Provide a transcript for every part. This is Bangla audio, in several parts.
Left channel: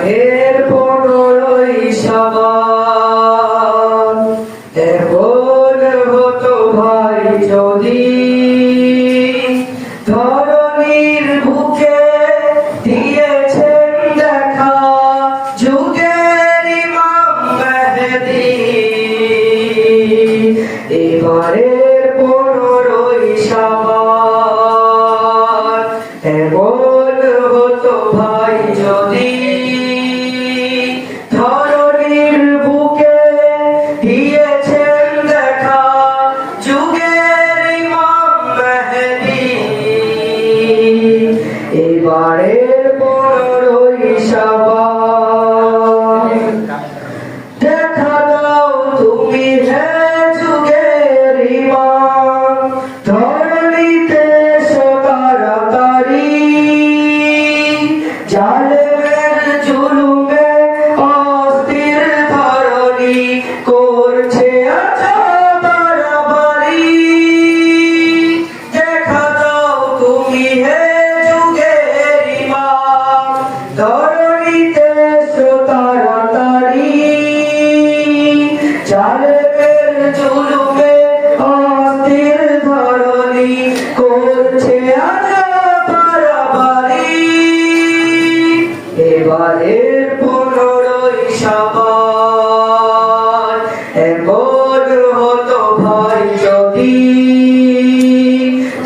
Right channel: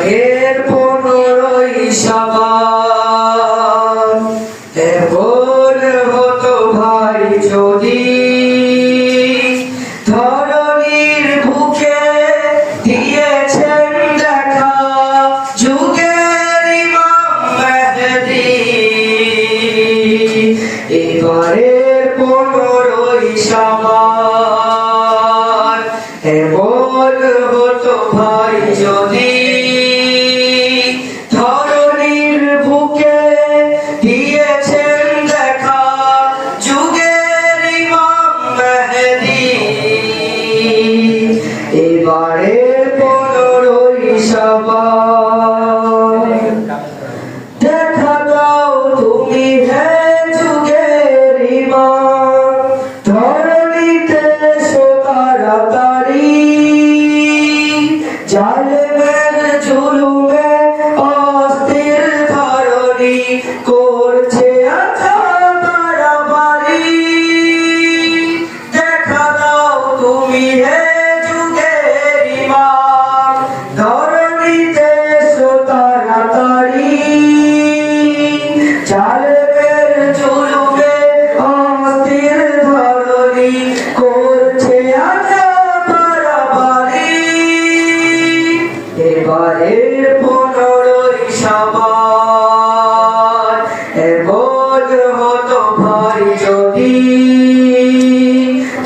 মাঘের 15ই শ্রাবণ এমন হতো ভাই যদি ধরণীর বুকে দিয়েছেন দেখা যুগের ইমাম মেহেদী। এবারের 15ই শ্রাবণ এমন হতো ভাই যদি ধরণীর বুকে দিয়েছেন দেখা যুগের ইমাম মেহেদী। এবারের 15ই শ্রাবণ দেখা দাও তুমি হে যুগের ইমাম ধরণীতে এসো তাড়াতাড়ি জালেমের জুলুমে অস্থির ধরণী করছে আচ্ছা বাড়াবাড়ি। দেখা দাও তুমি হে যুগের ইমাম ধরণীতে এসো তাড়াতাড়ি জালেমের জুলুমে অস্থির ধরণী করছে আচ্ছা বাড়াবাড়ি। এবারের 15ই শ্রাবণ এমন হতো ভাই যদি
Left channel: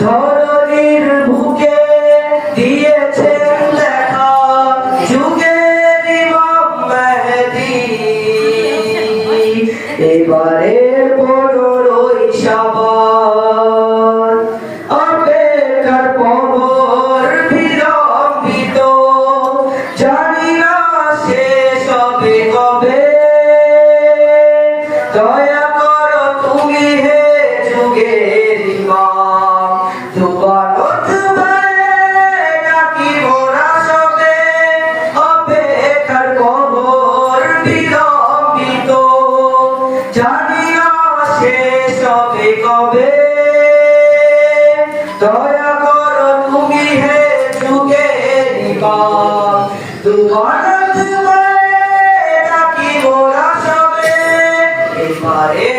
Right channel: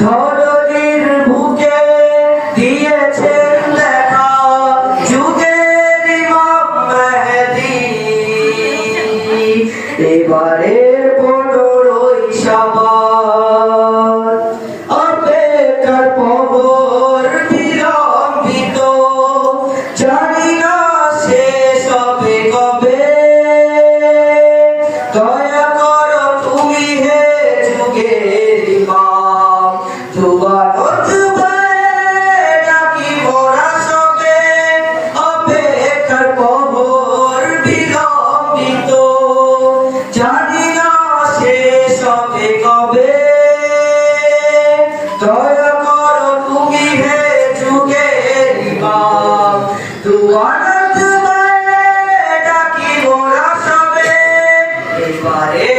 ধরণীর বুকে দিয়েছেন লেখা যুগের ইমাম মেহেদী। এবারের 15ই শ্রাবণ অপেক্ষার প্রহর বিলম্বিত জানি না শেষ হবে কবে। দয়া করো তুমি হে যুগের ইমাম দুয়ারত ভয়ে ডাকি মোরা সবে। অপেক্ষার প্রহর বিলম্বিত জানি না শেষ হবে কবে। দয়া করো তুমি হে যুগের ইমাম দুয়ারত ভয়ে ডাকি মোরা সবে। এবারে